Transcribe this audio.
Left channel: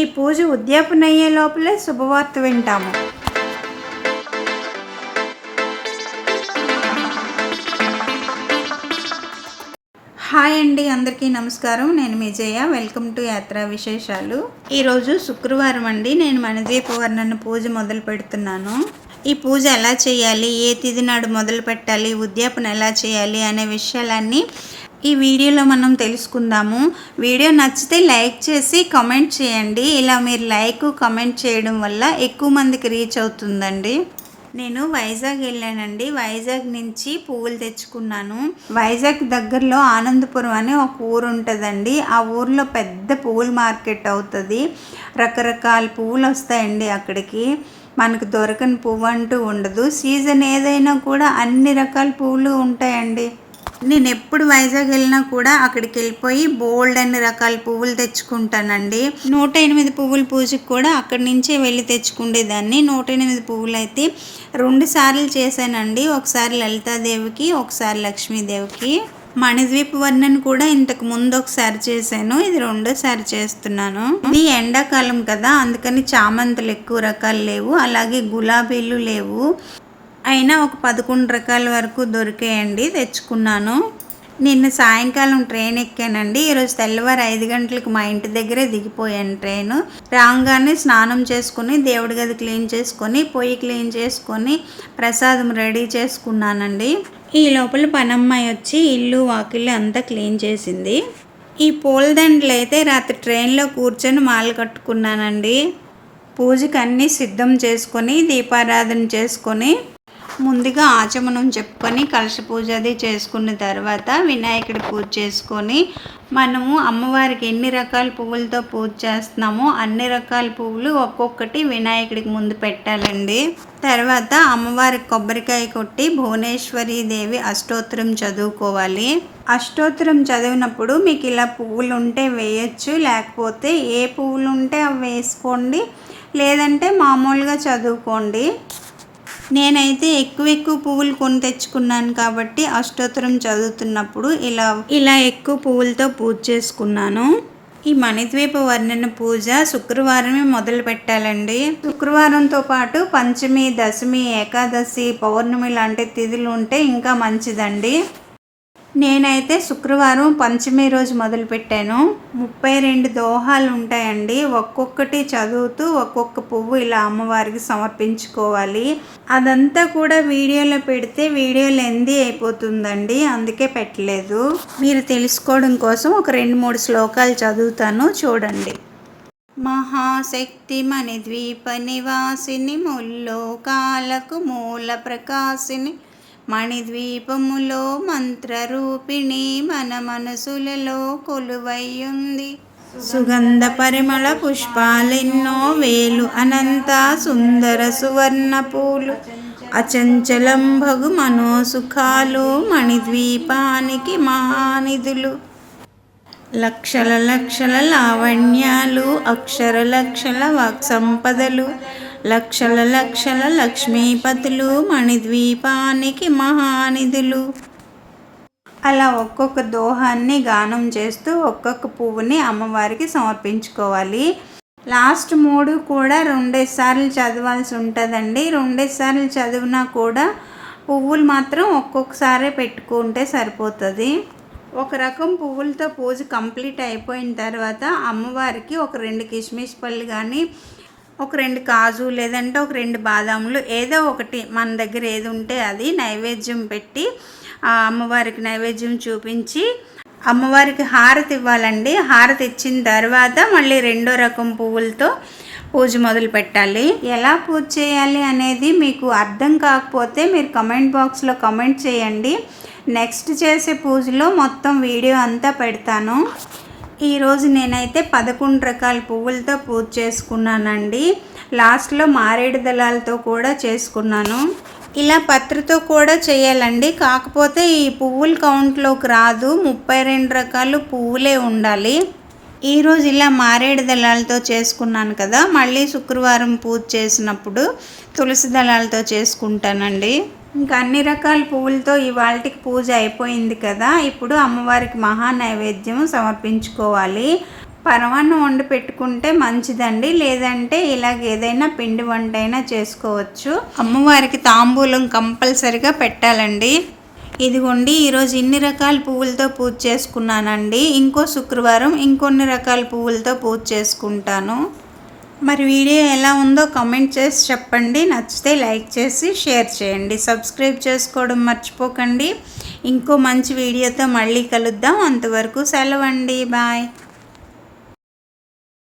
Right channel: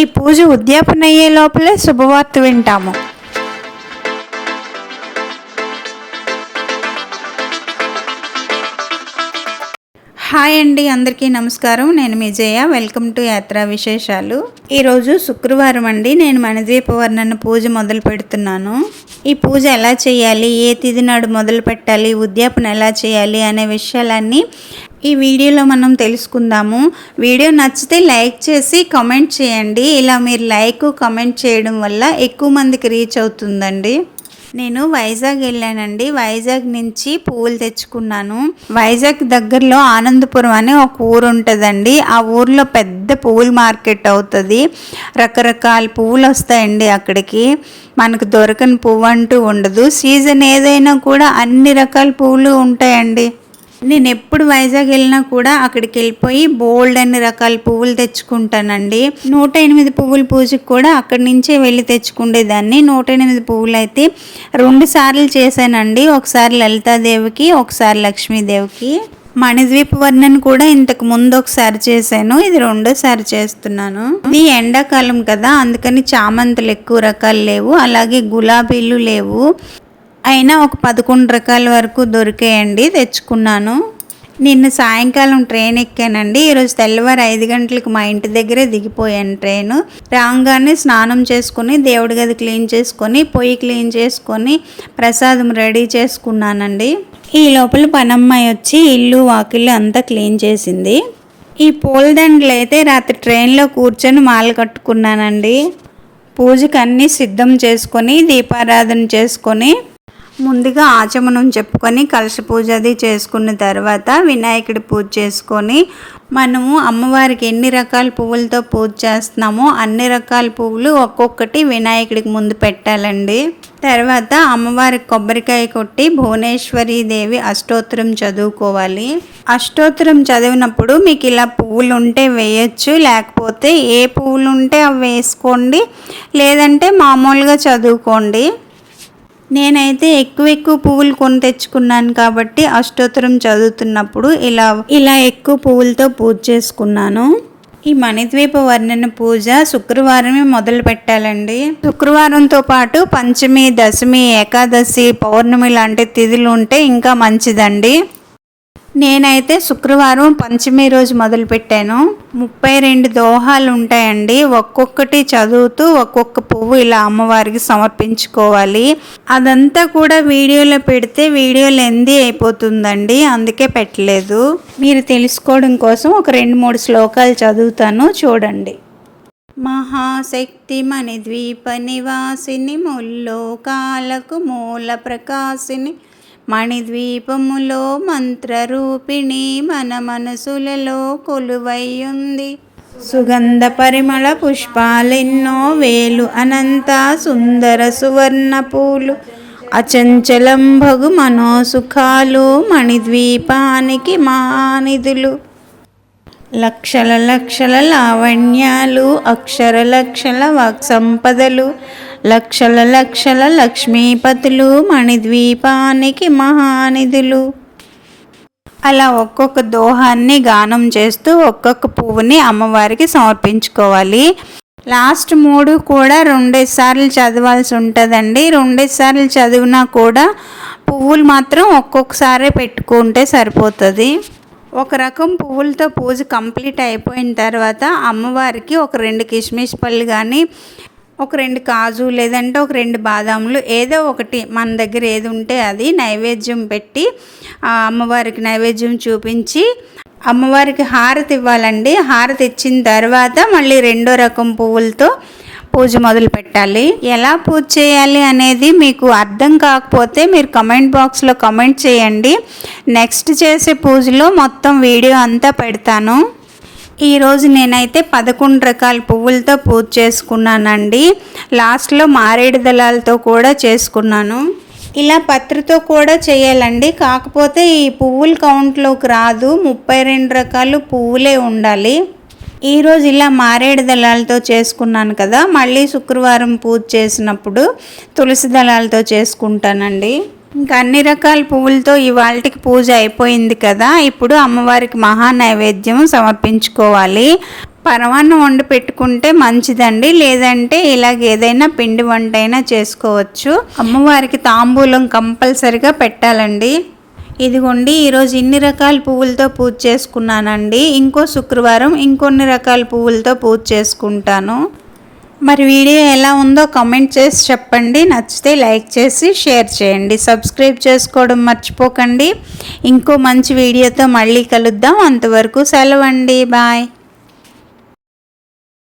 ఈ పూజ ఉద్యాపన అయ్యే లోపలే శుభవార్త వింటాము. హాయ్ అండి, అందరికీ నమస్కారం. నేను మీ జయ. వెల్కమ్ టు యాత్రా విశేషాలు. ఈరోజు శుక్రవారం అండి. నేను మణిద్వీప వర్ణన పూజ మొదలు పెడుతున్నాను. ఈ పూజ ఎలా చేయాలి, ఏ తిథి నాడు మొదలు పెట్టాలి, ఉద్యాపన ఎలా చేయాలి అనే విషయాలన్నీ ఈ వీడియోలో మనం తెలుసుకుందాము. వీడియో నచ్చితే లైక్ చేసి కామెంట్ చేయండి. ఇలా మీరు లైక్ కామెంట్ చేయడం వల్ల ఎక్కువ మందికి రీచ్ అవుతుందండి. నేను వైజాగ్ వెళ్ళానండి. వైజాగ్ నుంచి పువ్వులు తెచ్చుకున్నాను. వైజాగ్ దగ్గరలో ఆనందపురం అని ఒక ఊరు ఉంటుందండి. ఆ ఊర్లో పెద్ద పువ్వుల మార్కెట్ అవుతుంది. రకరకాల పువ్వులు వస్తాయండి అక్కడికి. మనకు దొరకని పువ్వు అంటూ ఉండదు. సీజన్ ఏదైనా కూడా అన్ని రకాల పువ్వులు ఉంటాయండి. నేను ఎప్పుడు వైజాగ్ వెళ్ళినా కూడా అక్కడికి వెళ్ళిపోయి బోల్డ్ అన్ని రకాల పువ్వులు తెచ్చుకుంటానండి. 108 పువ్వుల పూజకి కూడా అక్కడి నుంచే వెళ్ళి తెచ్చుకునేదాన్ని. 108 పువ్వులు అయితే 2 సార్లు చేశానండి. ఒకసారి లలితాదేవికి, ఒకసారి లక్ష్మీదేవికి. మణిద్వీప వర్ణన కూడా ఇంతకు ముందు ఒకసారి చేశాను. ఇది 2సారి చేస్తున్నాను. ఇది ఎండాకాలం కదా, అందుకని చామంతులు ఎక్కువ రకాలు లేవు, అలాగే గులాబీలు లేవు. అయినా ఒక 11 రకాల వరకు దొరికాయండి, తెచ్చుకున్నాను. నిన్న సాయంకాలం ట్రైన్ ఎక్కానండి. ఈరోజు తెల్లవారు 5 గంటలకు మా ఇంటి దగ్గరే దిగిపోయాను ట్రైను. రాగానే స్నానం చేసుకొని, దేవుడి గది క్లీన్ చేసుకొని, పొయ్యి క్లీన్ చేసుకొని, ప్రసాదం రెడీ చేసుకున్నానండి. ఈ లోపల పనమ్మాయి వచ్చి ఇల్లు వాకిళ్ళు అంతా క్లీన్ చేసింది. ఈ పూలదండలు అయితే రాత్రి ట్రైన్లో కూర్చొని మాల కట్టుకున్నానండి. పూజకి అన్నీ సిద్ధం చేసుకొని, దీపారాధన చేసుకొని, ముందుగా ఆచమనం చెప్పుకొని కలశ పూజ అది చేసుకున్న తర్వాత వినాయకుడి పూజ చేసుకొని, మనము అమ్మవారికి ఎన్ని రకాల పువ్వులతో పూజ చేస్తున్నామో అన్ని రకాల పువ్వులు ఒక్కొక్కటి వినాయకుడికి ముందు పెట్టాలండి. తర్వాత అమ్మవారికి కొబ్బరికాయ కొట్టి భువనేశ్వరి దేవి అష్టోత్తరం చదువుకోవాలి. అష్టోత్తరం చదివినప్పుడు మీకు ఇలా పువ్వులు ఉంటే వేయచ్చు, లేకపోతే ఏ పువ్వులు ఉంటే అవి వేసుకోండి, లేదంటే మామూలుగా చదువుకోండి. నేనైతే ఎక్కువ పువ్వులు కొని తెచ్చుకున్నాను కాబట్టి అష్టోత్తరం చదువుతున్నప్పుడు ఇలా ఎక్కువ పువ్వులతో పూజ చేసుకున్నాను. ఈ మణిద్వీప వర్ణన పూజ శుక్రవారమే మొదలు పెట్టాలండి. శుక్రవారంతో పాటు పంచమి, దశమి, ఏకాదశి, పౌర్ణమి లాంటి తిథులు ఉంటే ఇంకా మంచిదండి. నేనైతే శుక్రవారం పంచమి రోజు మొదలు పెట్టాను. 32 దోహాలు ఉంటాయండి. ఒక్కొక్కటి చదువుతూ ఒక్కొక్క పువ్వు ఇలా అమ్మవారికి సమర్పించుకోవాలి. అదంతా కూడా వీడియోలో పెడితే వీడియో లెందీ అయిపోతుందండి, అందుకే పెట్టలేదు. మీరు తెలుసుకోవడం కోసం ఒక 2-3 శ్లోకాలు చదువుతాను, చూడండి. మహాశక్తి మణిద్వీప నివాసిని, ముల్లోకాలకు మూల ప్రకాశిని, మణిద్వీపములో మంత్రరూపిణి, మన మనసులలో కొలువయ్యుంది. సుగంధ పరిమళ పుష్పాలెన్నో వేలు, అనంత సుందర సువర్ణ పూలు, అచంచలం భగు మనోసుఖాలు, మణిద్వీపానికి మహానిధులు. లక్షల లక్షల లావణ్యాలు, అక్షర లక్షల వాక్సంపదలు, లక్షల లక్షల లక్ష్మీపతులు, మణిద్వీపానికి మహానిధులు. అలా ఒక్కొక్క దోహాన్ని గానం చేస్తూ ఒక్కొక్క పువ్వుని అమ్మవారికి సమర్పించుకోవాలి. లాస్ట్ 3 కూడా 2 సార్లు చదవాల్సి ఉంటుందండి. 2 సార్లు చదివినా కూడా పువ్వులు మాత్రం ఒక్కొక్కసారే పెట్టుకుంటే సరిపోతుంది. ఒక రకం పువ్వులతో పూజ కంప్లీట్ అయిపోయిన తర్వాత అమ్మవారికి ఒక 2 కిస్మిస్ పళ్ళు కానీ, ఒక 2 కాజు, లేదంటే ఒక 2 బాదాములు, ఏదో ఒకటి మన దగ్గర ఏది ఉంటే అది నైవేద్యం పెట్టి అమ్మవారికి నైవేద్యం చూపించి అమ్మవారికి హారతి ఇవ్వాలండి. హారతి ఇచ్చిన తర్వాత మళ్ళీ 2వ రకం పువ్వులతో పూజ మొదలు పెట్టాలి. ఎలా పూజ చేయాలి అనేది మీకు అర్థం కాకపోతే మీరు కమెంట్ బాక్స్లో కమెంట్ చేయండి. నెక్స్ట్ చేసే పూజలో మొత్తం వీడియో అంతా పెడతాను. ఈరోజు నేనైతే 11 రకాల పువ్వులతో పూజ చేసుకున్నానండి. లాస్ట్లో మారేడు దళాలతో కూడా చేసుకున్నాను. ఇలా పత్రితో కూడా చేయాలండి, కాకపోతే ఈ పువ్వుల కౌంట్లోకి రాదు. 32 రకాలు పువ్వులే ఉండాలి. ఈరోజు ఇలా మారేడు దళాలతో చేసుకున్నాను కదా, మళ్ళీ శుక్రవారం పూజ చేసినప్పుడు తులసి దళాలతో చేసుకుంటానండి. ఇంకా అన్ని రకాల పువ్వులతో ఇవాళకి పూజ అయిపోయింది కదా, ఇప్పుడు అమ్మవారికి మహా నైవేద్యం సమర్పించుకోవాలి. పరమాన్నం వండి పెట్టుకుంటే మంచిదండి, లేదంటే ఇలాగ ఏదైనా పిండి వంట అయినా చేసుకోవచ్చు. అమ్మవారికి తాంబూలం కంపల్సరిగా పెట్టాలండి. ఇదిగోండి, ఈరోజు ఇన్ని రకాల పువ్వులతో పూజ చేసుకున్నానండి. ఇంకో శుక్రవారం ఇంకొన్ని రకాల పువ్వులతో పూజ చేసుకుంటాను. మరి వీడియో ఎలా ఉందో కామెంట్ చేసి చెప్పండి. నచ్చితే లైక్ చేసి షేర్ చేయండి. సబ్స్క్రైబ్ చేసుకోవడం మర్చిపోకండి. ఇంకో మంచి వీడియోతో మళ్ళీ కలుద్దాం. అంతవరకు సెలవండి. బాయ్.